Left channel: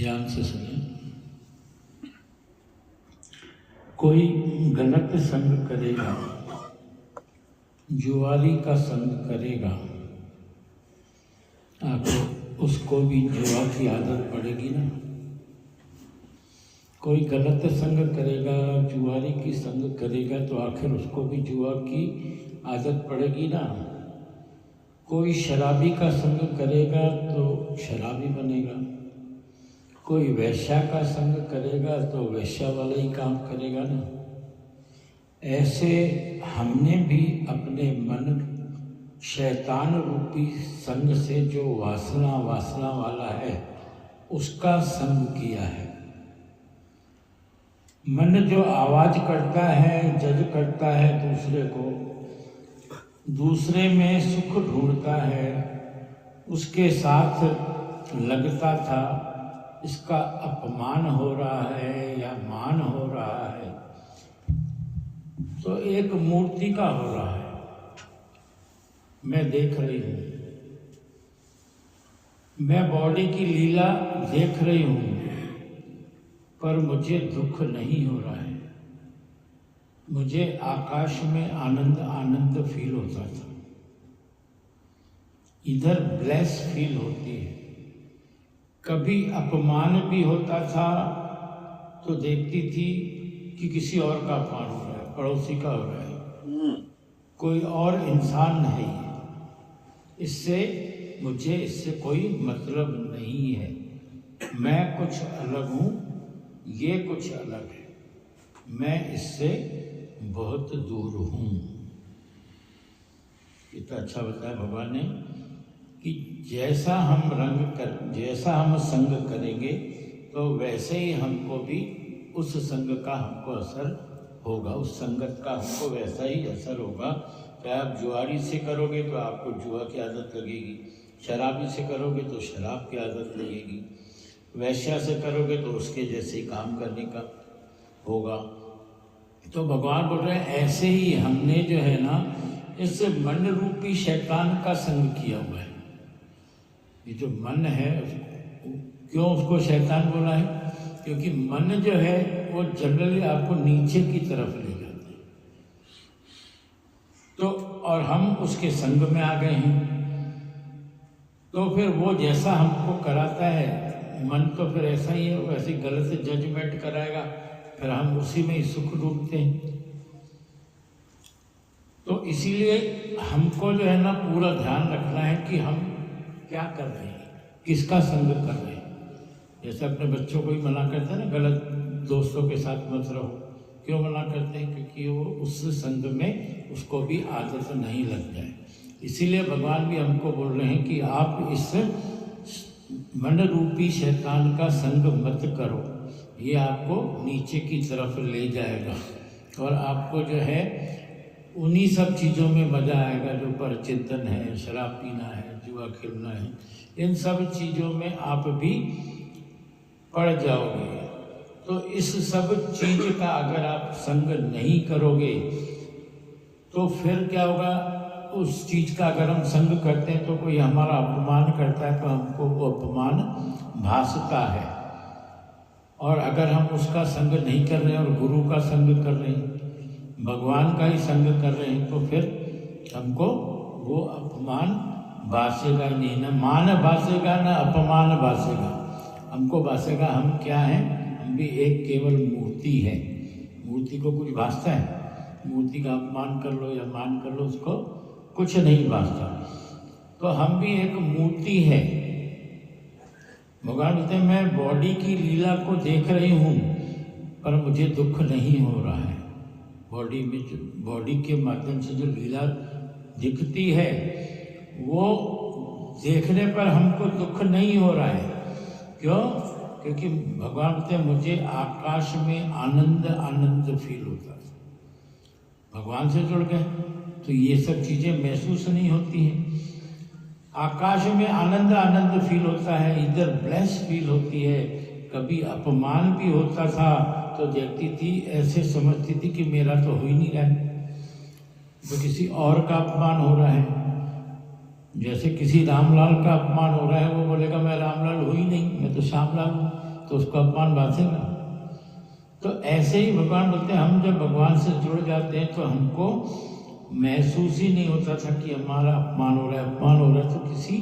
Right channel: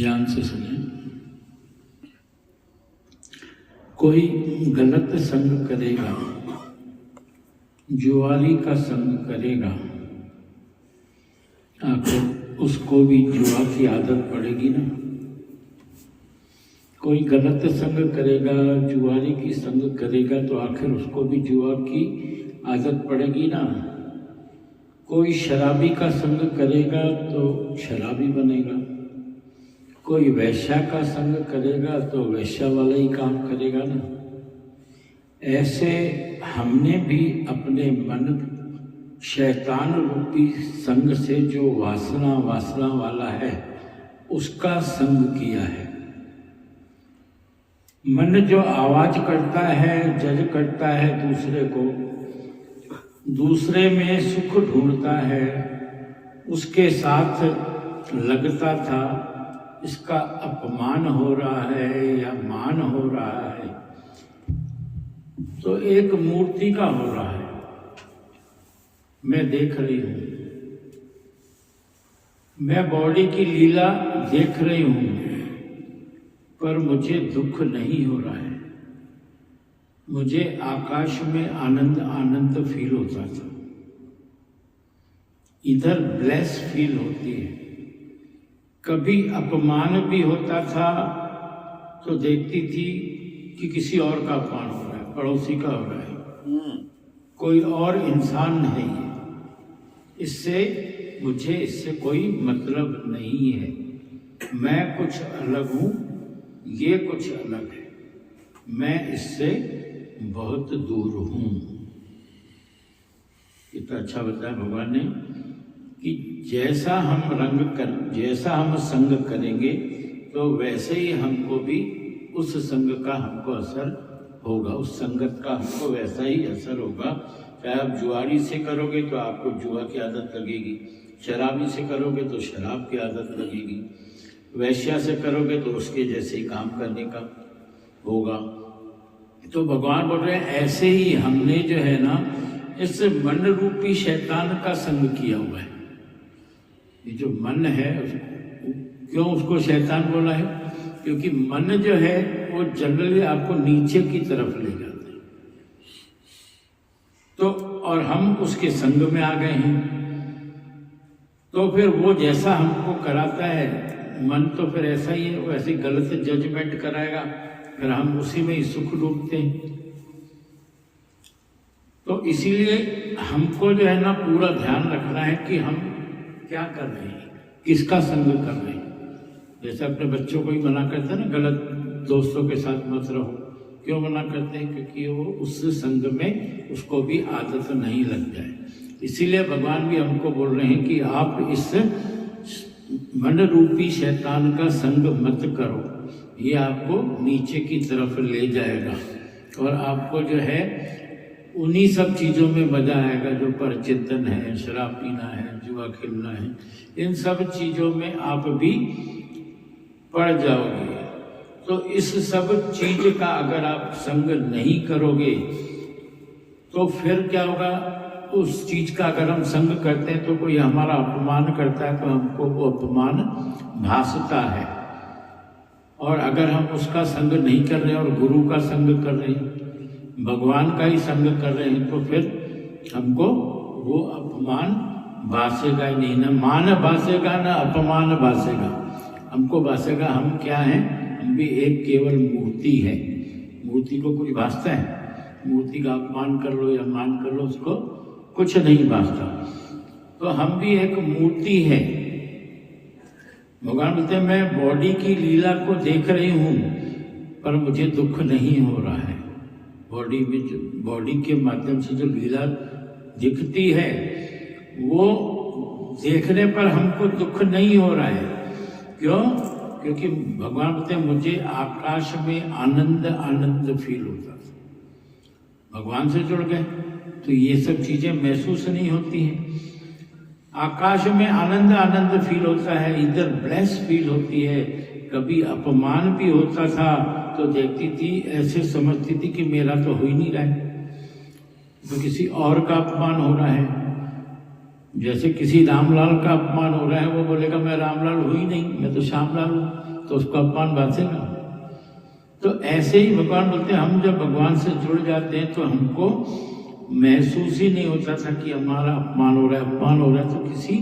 ध्यान से सुने। कोई गलत संग करेगा, जुआरी का संग करेगा, आखिर उसको भी जुआ की आदत पड़ेगी ना। कोई गलत संग करेगा, जुआरी की संग करेगा तो आखिर उसको भी जुआ की आदत पड़ेगी ना। कोई शराबी का संग करेगा तो शराबी बनेगा, कोई वैश्या का संग करेगा तो वैश्या वाला ही काम करेगा ना। ऐसे हमने भी अपने मन शैतान रूपी संग से जो वासना वाला है उसका संग किया है। मन जो आवाज करता है, जज करता है दूसरे को, दूसरे में सुख ढूंढता है, उसके साथ लगता था, इसका अपमान हो रहा है या मान हो रहा है तो एक मूर्ति का हो रहा है। मैं देख रही हूं, मैं बॉडी की लीला देख रही हूं, पर मुझे दुख नहीं हो रहा है। मुझे आकाश में आनंद फील होता था, इधर ब्लेस फील होती है। कभी अपमान भी होता था तो देखती थी कि किसी और का अपमान हो रहा है, पड़ोसी का हो रहा है, कोई और इंसान नहीं है, मुझे कोई मतलब नहीं है। मैं कुछ अलग हूं, ये कुछ अलग है, मैं इससे बहुत दूर हूं। कितना अच्छा बताया भगवान ने कि जैसा हम संग करेंगे तो वैसे ही हमको भी उस संग का हमको असर होगा, उस संगत का हमको वैसा ही असर होगा। चाहे आप जुआरी से करोगे तो आपको जुआ की आदत लगेगी, शराबी से करोगे तो शराब की आदत लगेगी, वैश्या से करोगे तो उसके जैसे ही काम करने का होगा। तो भगवान बोल रहे हैं ऐसे ही हमने जो है ना इस मन रूपी शैतान का संग किया हुआ है। ये जो मन है, क्यों उसको शैतान बोला है? क्योंकि मन जो है वो जनरली आपको नीचे की तरफ ले जाता है। तो और हम उसके संग में आ गए हैं, तो फिर वो जैसा हमको कराता है मन, तो फिर ऐसा ही है, वो ऐसी गलत जजमेंट कराएगा, फिर हम उसी में ही सुख ढूंढते हैं। तो इसीलिए हमको जो है ना पूरा ध्यान रखना है कि हम क्या कर रहे हैं, किसका संग कर रहे हैं। जैसे अपने बच्चों को ही मना करते हैं ना, गलत दोस्तों के साथ मत रहो। क्यों मना करते हैं? क्योंकि वो उस संग में उसको भी आदत नहीं लग जाए। इसीलिए भगवान भी हमको बोल रहे हैं कि आप इस मन रूपी शैतान का संग मत करो, ये आपको नीचे की तरफ ले जाएगा और आपको जो है उन्हीं सब चीज़ों में मजा आएगा जो पर चिंतन है, शराब पीना है, जुआ खेलना है, इन सब चीज़ों में आप भी पड़ जाओगे। तो इस सब चीज का अगर आप संग नहीं करोगे तो फिर क्या होगा? उस चीज का अगर हम संग करते हैं तो कोई हमारा अपमान करता है तो हमको वो अपमान भासता है। और अगर हम उसका संग नहीं कर रहे और गुरु का संग कर रहे हैं, भगवान का ही संग कर रहे हैं, तो फिर हमको वो अपमान भासेगा ही नहीं। ना मान भासेगा ना अपमान भासेगा, हमको भासेगा हम क्या हैं? हम भी एक केवल मूर्ति है। मूर्ति को कुछ भासता है? मूर्ति का अपमान कर लो या मान कर लो, उसको कुछ नहीं भासता। तो हम भी एक मूर्ति है। भगवान बोलते हैं मैं बॉडी की लीला को देख रही हूं, पर मुझे दुख नहीं हो रहा है। बॉडी के माध्यम से जो लीला दिखती है वो देखने पर हमको दुख नहीं हो रहा है। क्यों? क्योंकि भगवान बोलते हैं मुझे आकाश में आनंद फील होता था। भगवान से जुड़ गए तो ये सब चीजें महसूस नहीं होती हैं। आकाश में आनंद फील होता है, इधर ब्लेस फील होती है। कभी अपमान भी होता था तो देखती थी, ऐसे समझती थी कि मेरा तो हो ही नहीं रहा है, तो किसी और का अपमान हो रहा है। जैसे किसी रामलाल का अपमान हो रहा है, वो बोलेगा मैं रामलाल हूँ ही नहीं, मैं तो श्यामलाल हूँ। तो उसको अपमान बांधेगा। तो ऐसे ही भगवान बोलते हैं, हम जब भगवान से जुड़ जाते हैं तो हमको महसूस ही नहीं होता था कि हमारा अपमान हो रहा है। अपमान हो रहा है तो किसी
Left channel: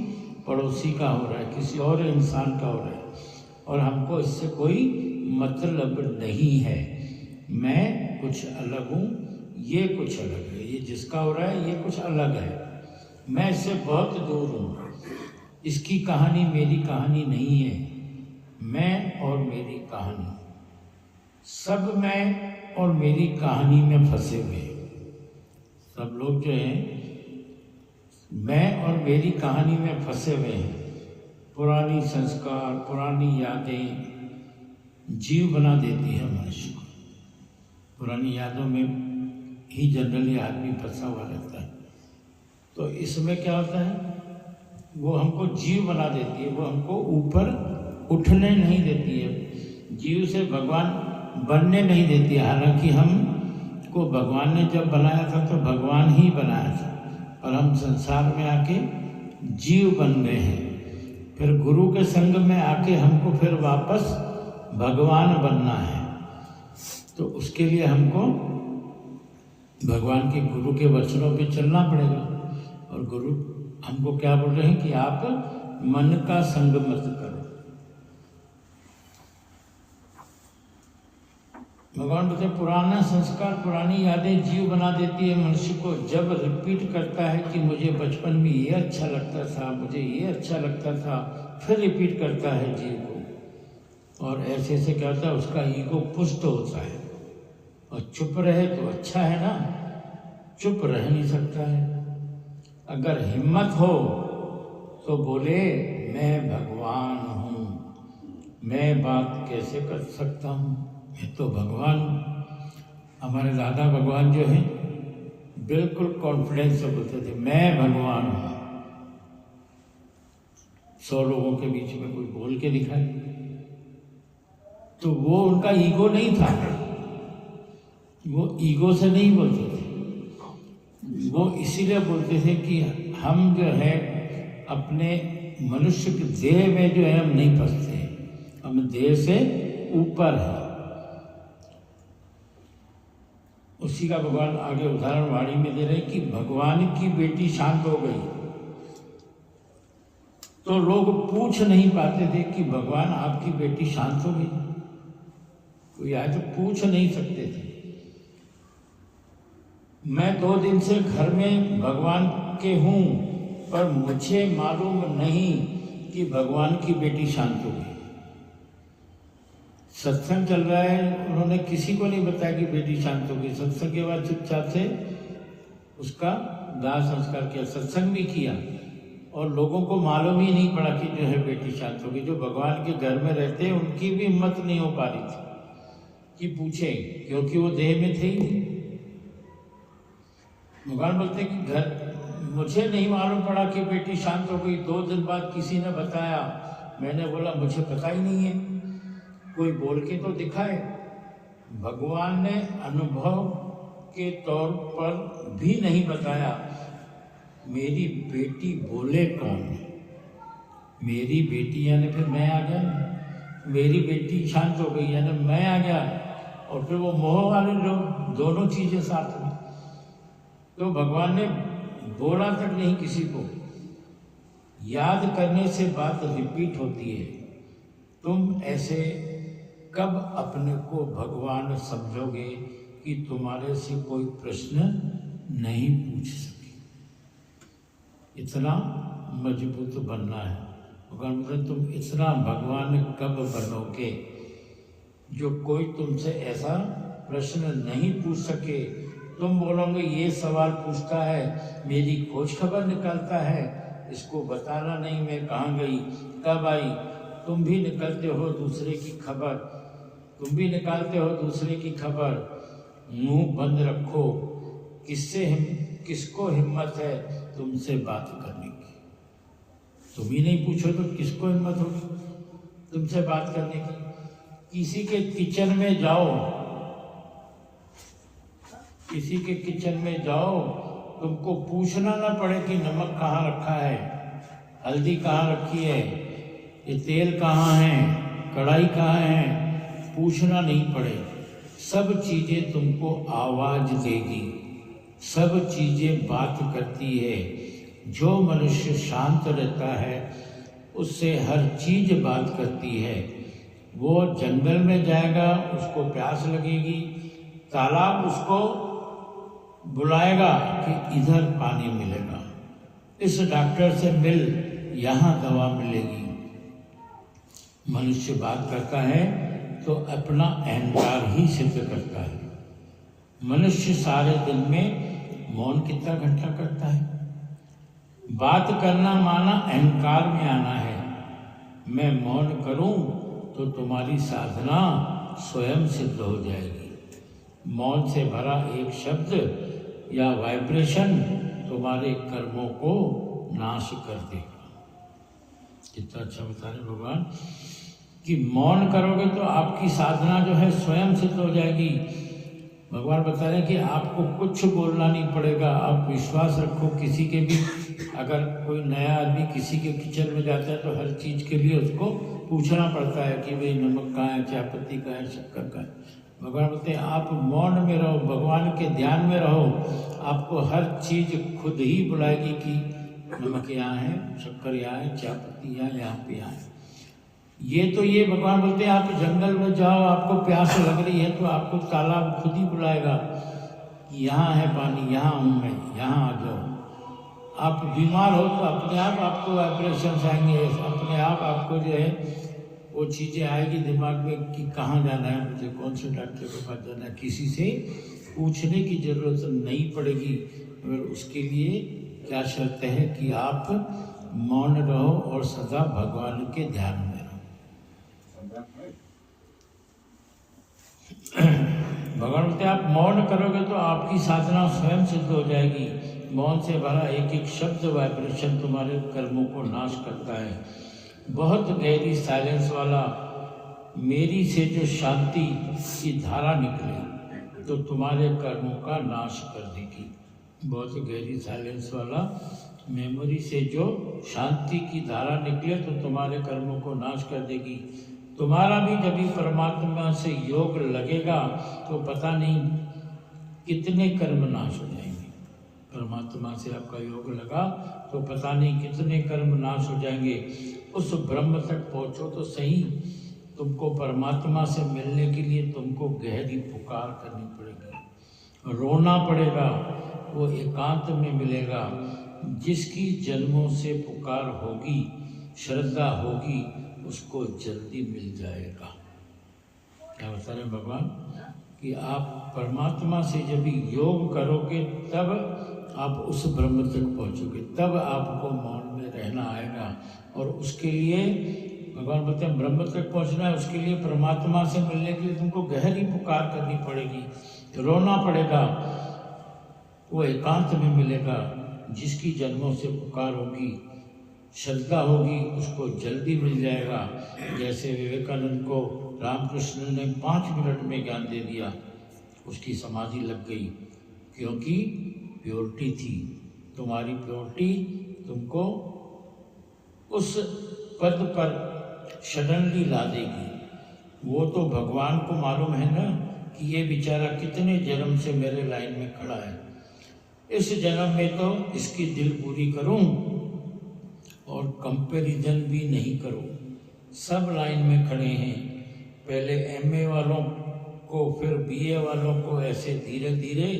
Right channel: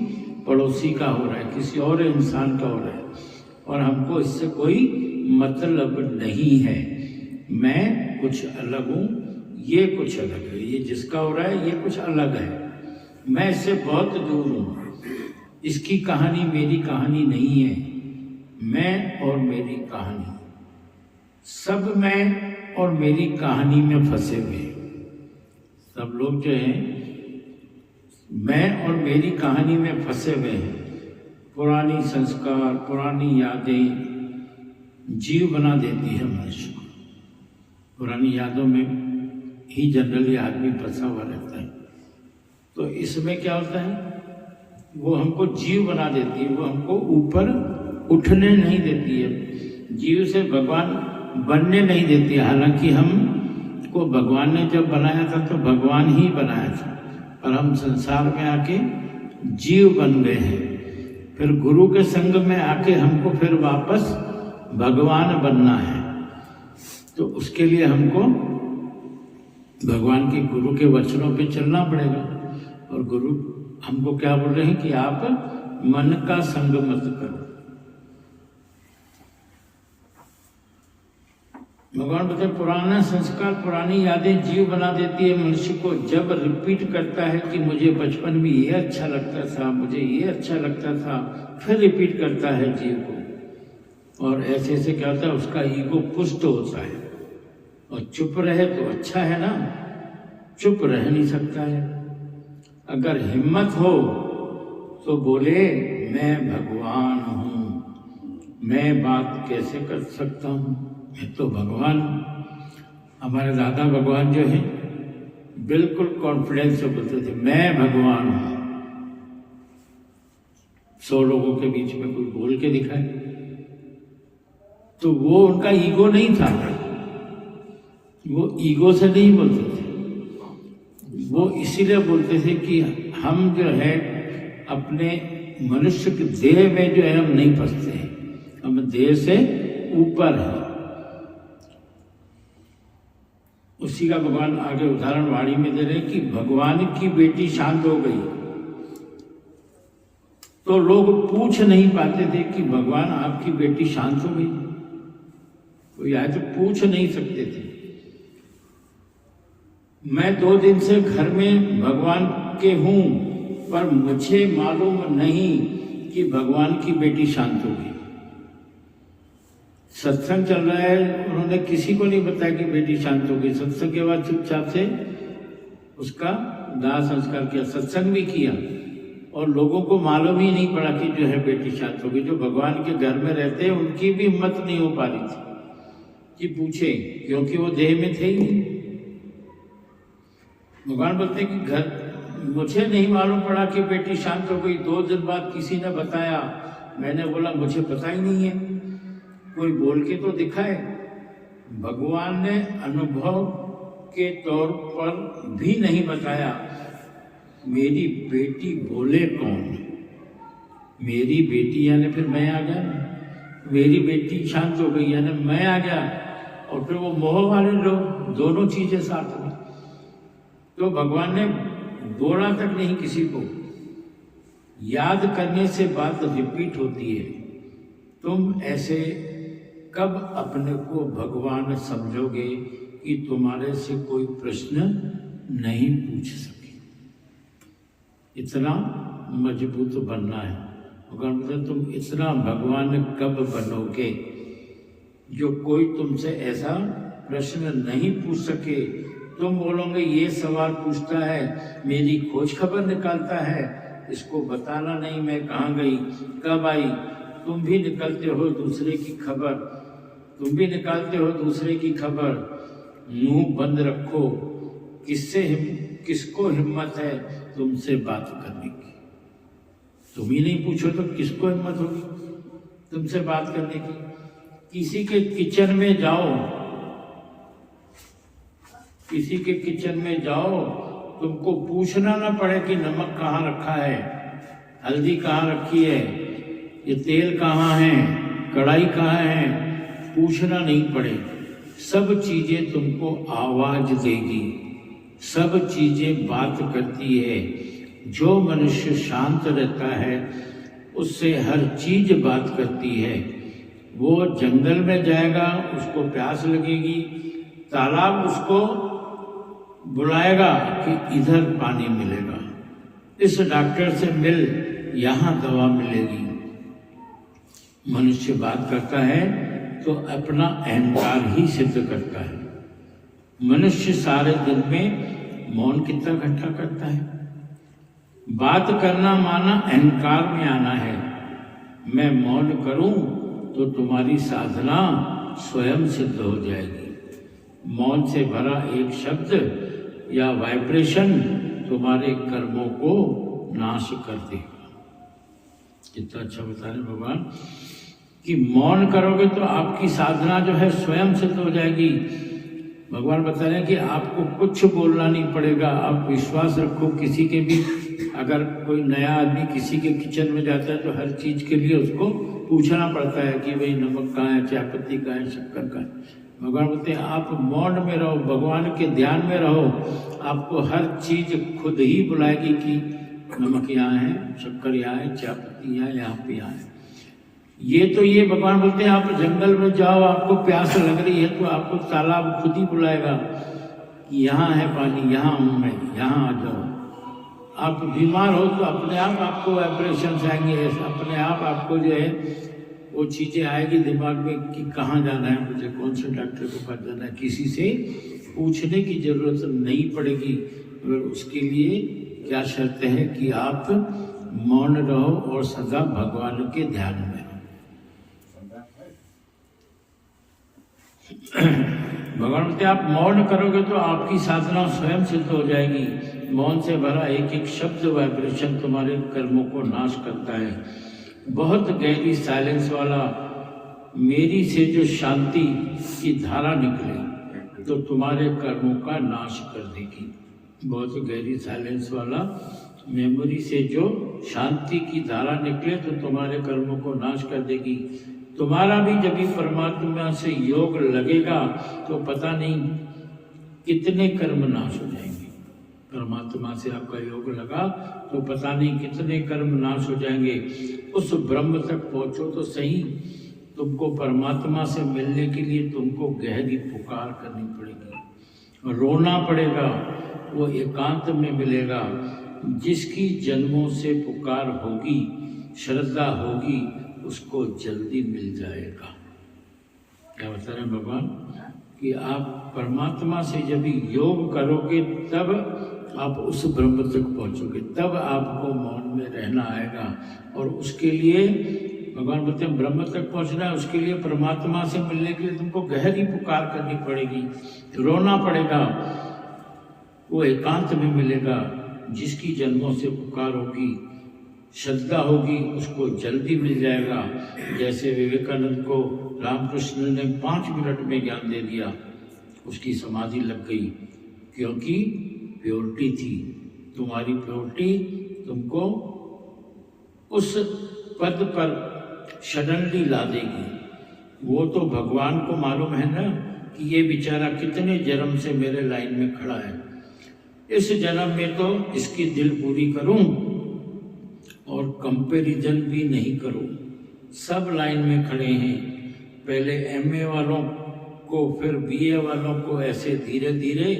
पड़ोसी का हो रहा है, किसी और इंसान का हो रहा है, और हमको इससे कोई मतलब नहीं है। मैं कुछ अलग हूँ, ये कुछ अलग है, ये जिसका हो रहा है ये कुछ अलग है, मैं इससे बहुत दूर हूँ। इसकी कहानी मेरी कहानी नहीं है, मैं और मेरी कहानी, सब मैं और मेरी कहानी में फंसे हुए। सब लोग जो हैं मैं और मेरी कहानी में फंसे हुए हैं। पुरानी संस्कार, पुरानी यादें जीव बना देती है मनुष्य को। पुरानी यादों में ही जनरली आदमी फंसा हुआ रहता है। तो इसमें क्या होता है, वो हमको जीव बना देती है, वो हमको ऊपर उठने नहीं देती है, जीव से भगवान बनने नहीं देती है। हालांकि हमको भगवान ने जब बनाया था तो भगवान ही बनाया था, पर हम संसार में आके जीव बन गए हैं। फिर गुरु के संग में आके हमको फिर वापस भगवान बनना है। तो उसके लिए हमको भगवान के गुरु के वचनों पे चलना पड़ेगा। और गुरु हमको क्या बोल रहे हैं कि आप मन का संग मत करो। भगवान बोलते पुराना संस्कार, पुरानी यादें जीव बना देती है मनुष्य को। जब रिपीट करता है कि मुझे बचपन में ये अच्छा लगता था, मुझे ये अच्छा लगता था, फिर रिपीट करता है जीव को, और ऐसे ऐसे क्या होता है, उसका ईगो पुष्ट होता है। और चुप रहे तो अच्छा है ना, चुप रह नहीं सकता है। अगर हिम्मत हो तो बोले मैं भगवान हूँ, मैं बात कैसे कर सकता हूँ, मैं तो भगवान। हमारे दादा भगवान जो है बिल्कुल कॉन्फिडेंस से बोलते थे मैं भगवान हूँ। 100 लोगों के बीच में कोई बोल के दिखाए तो वो उनका ईगो नहीं था, वो ईगो से नहीं बोलते थे, वो इसीलिए बोलते थे कि हम जो है अपने मनुष्य के देह में जो है हम नहीं फंसते हैं, हम देह से ऊपर हैं। उसी का भगवान आगे उदाहरण वाणी में दे रहे हैं कि भगवान की बेटी शांत हो गई तो लोग पूछ नहीं पाते थे कि भगवान आपकी बेटी शांत हो गई, कोई आए तो पूछ नहीं सकते थे। मैं 2 दिन से घर में भगवान के हूं, पर मुझे मालूम नहीं कि भगवान की बेटी शांत हो गई। सत्संग चल रहा है, उन्होंने किसी को नहीं बताया कि बेटी शांत हो गई। सत्संग के बाद चुपचाप से उसका दाह संस्कार किया, सत्संग भी किया, और लोगों को मालूम ही नहीं पड़ा कि जो है बेटी शांत हो गई। जो भगवान के घर में रहते हैं उनकी भी हिम्मत नहीं हो पा रही थी कि पूछे, क्योंकि वो देह में थे ही नहीं। भगवान बोलते हैं कि घर मुझे नहीं मालूम पड़ा कि बेटी शांत हो गई। 2 दिन बाद किसी ने बताया, मैंने बोला मुझे पता ही नहीं है, कोई बोल के तो दिखाए। भगवान ने अनुभव के तौर पर भी नहीं बताया। मेरी बेटी बोले कौन? मेरी बेटी यानी फिर मैं आ गया, मेरी बेटी शांत हो गई यानी मैं आ गया, और फिर वो मोह वाले लोग, दोनों चीजें साथ हुई। तो भगवान ने बोला तक नहीं किसी को। याद करने से बात रिपीट होती है। तुम ऐसे कब अपने को भगवान समझोगे कि तुम्हारे से कोई प्रश्न नहीं पूछ सके? इतना मजबूत बनना है। भगवान, तुम इतना भगवान कब बनोगे जो कोई तुमसे ऐसा प्रश्न नहीं पूछ सके? तुम बोलोगे ये सवाल पूछता है, मेरी खोज खबर निकालता है, इसको बताना नहीं मैं कहाँ गई, कब आई। तुम भी निकलते हो दूसरे की खबर, तुम भी निकालते हो दूसरे की खबर। मुंह बंद रखो, किसको हिम्मत है तुमसे बात करने की? तुम ही नहीं पूछो तो किसको हिम्मत होगी तुमसे बात करने की? किसी के किचन में जाओ, किसी के किचन में जाओ, तुमको पूछना ना पड़े कि नमक कहाँ रखा है, हल्दी कहाँ रखी है, ये तेल कहाँ है, कढ़ाई कहाँ है पूछना नहीं पड़े, सब चीजें तुमको आवाज देगी, सब चीजें बात करती है। जो मनुष्य शांत रहता है उससे हर चीज बात करती है। वो जंगल में जाएगा, उसको प्यास लगेगी, तालाब उसको बुलाएगा कि इधर पानी मिलेगा, इस डॉक्टर से मिल, यहाँ दवा मिलेगी। मनुष्य बात करता है तो अपना अहंकार ही सिद्ध करता है। मनुष्य सारे दिन में मौन कितना घंटा करता है? बात करना माना अहंकार में आना है। मैं मौन करूं तो तुम्हारी साधना स्वयं सिद्ध हो जाएगी। मौन से भरा एक शब्द या वाइब्रेशन तुम्हारे कर्मों को नाश कर देगा। कितना अच्छा बता रहे भगवान कि मौन करोगे तो आपकी साधना जो है स्वयं सिद्ध हो जाएगी। भगवान बता रहे हैं कि आपको कुछ बोलना नहीं पड़ेगा। आप विश्वास रखो, किसी के भी अगर कोई नया आदमी किसी के किचन में जाता है तो हर चीज के लिए उसको पूछना पड़ता है कि भाई नमक कहाँ है, चाय पत्ती कहाँ है, शक्कर कहाँ है। भगवान बोलते हैं आप मौन में रहो, भगवान के ध्यान में रहो, आपको हर चीज खुद ही बुलाएगी कि नमक यहाँ है, शक्कर यहाँ है, चाय पत्ती यहाँ पे यहाँ है। ये भगवान बोलते हैं आप जंगल में जाओ, आपको प्यास लग रही है तो आपको तालाब खुद ही बुलाएगा कि यहाँ है पानी, यहाँ हूँ मैं, यहाँ आ जाओ। आप बीमार हो तो अपने आप आपको वाइब्रेशन आएंगे, अपने आप आपको जो है वो चीज़ें आएगी दिमाग में कि कहाँ जाना है मुझे, कौन से डॉक्टर के पास जाना है। किसी से पूछने की जरूरत नहीं पड़ेगी। मगर उसके लिए क्या शर्त है कि आप मौन रहो और सदा भगवान के ध्यान में रहो। भगवान बोलते आप मौन करोगे तो आपकी साधना स्वयं सिद्ध हो जाएगी। मौन से भरा एक एक शब्द वाइब्रेशन तुम्हारे कर्मों को नाश करता है। बहुत गहरी साइलेंस वाला मेरी से जो शांति की धारा निकले तो तुम्हारे कर्मों का नाश कर देगी। बहुत गहरी साइलेंस वाला मेमोरी से जो शांति की धारा निकले तो तुम्हारे कर्मों को नाश कर देगी। तुम्हारा भी जब भी परमात्मा से योग लगेगा तो पता नहीं कितने कर्म नाश हो जाएंगे। परमात्मा से आपका योग लगा तो पता नहीं कितने कर्म नाश हो जाएंगे। उस ब्रह्म तक पहुंचो तो सही। तुमको परमात्मा से मिलने के लिए तुमको गहरी पुकार करनी पड़ेगी, रोना पड़ेगा। वो एकांत में मिलेगा। जिसकी जन्मों से पुकार होगी, श्रद्धा होगी, उसको जल्दी मिल जाएगा। क्या बता रहे भगवान कि आप परमात्मा से जब योग करोगे तब आप उस ब्रह्म तक पहुंचोगे, तब आपको मौन में रहना आएगा। और उसके लिए भगवान बोलते हैं ब्रह्म तक पहुंचना है, उसके लिए परमात्मा से मिलने के लिए तुमको गहरी पुकार करनी पड़ेगी, रोना पड़ेगा। वो एकांत में मिलेगा। जिसकी जन्मों से पुकार होगी, श्रद्धा होगी, उसको जल्दी मिल जाएगा। जैसे विवेकानंद को रामकृष्ण ने 5 मिनट में ज्ञान दे दिया, उसकी समाधि लग गई, क्योंकि प्योरिटी थी। तुम्हारी प्योरिटी तुमको उस पद पर सडनली ला देगी। वो तो भगवान को मालूम है ना कि ये बेचारा कितने जन्म से मेरे लाइन में खड़ा है, इस जन्म में तो इसकी दिल पूरी करूं और कंपैरिजन भी नहीं करूं। सब लाइन में खड़े हैं, पहले एमए वालों को, फिर बीए वालों को, ऐसे धीरे धीरे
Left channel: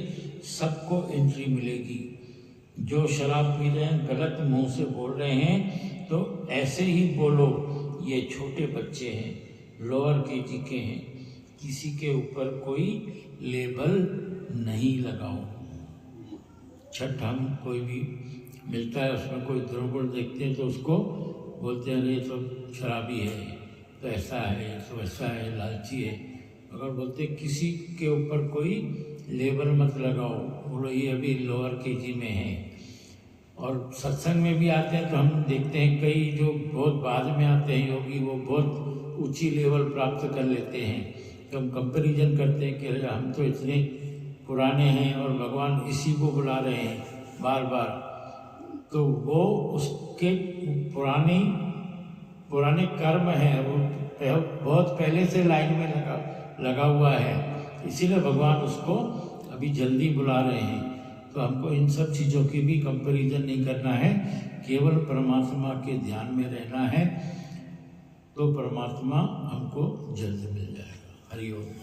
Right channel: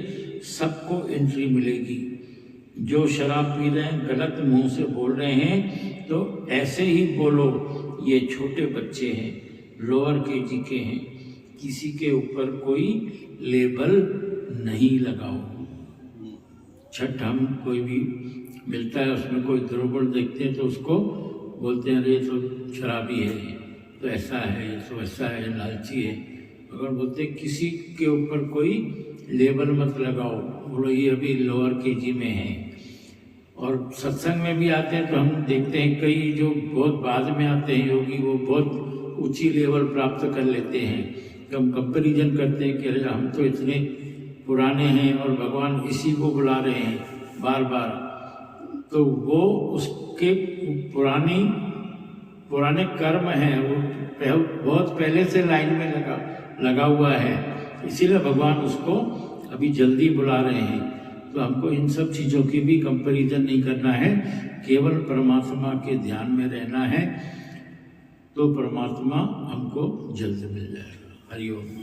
सबको एंट्री मिलेगी। जो शराब पी रहे हैं, गलत मुंह से बोल रहे हैं, तो ऐसे ही बोलो ये छोटे बच्चे हैं, लोअर केजी के हैं, किसी के ऊपर कोई लेबल नहीं लगाओ। छठ हम कोई भी मिलता है उसमें कोई दुर्गुण देखते हैं तो उसको बोलते हैं अरे तो शराबी है, तो ऐसा है, तो ऐसा है, लालची है। अगर बोलते किसी के ऊपर कोई लेबल मत लगाओ, बोलो ये अभी लोअर केजी में है। और सत्संग में भी आते हैं तो हम देखते हैं कई जो बहुत बाद में आते हैं योगी, वो बहुत ऊंची लेवल प्राप्त कर लेते हैं, तो हम कंपैरिजन करते हैं कि अरे हम तो इतने पुराने हैं और भगवान इसी को बुला रहे हैं बार बार। तो वो उसके पुरानी पुराने कर्म हैं, वो बहुत पहले से लाइन में लगा हुआ है, इसीलिए भगवान उसको अभी जल्दी बुला रहे हैं। तो हमको इन सब चीज़ों की भी कंपैरिजन नहीं करना है, केवल परमात्मा के ध्यान में रहना है, तो परमात्मा हमको जल्द मिल जाएगा। हरि ओम।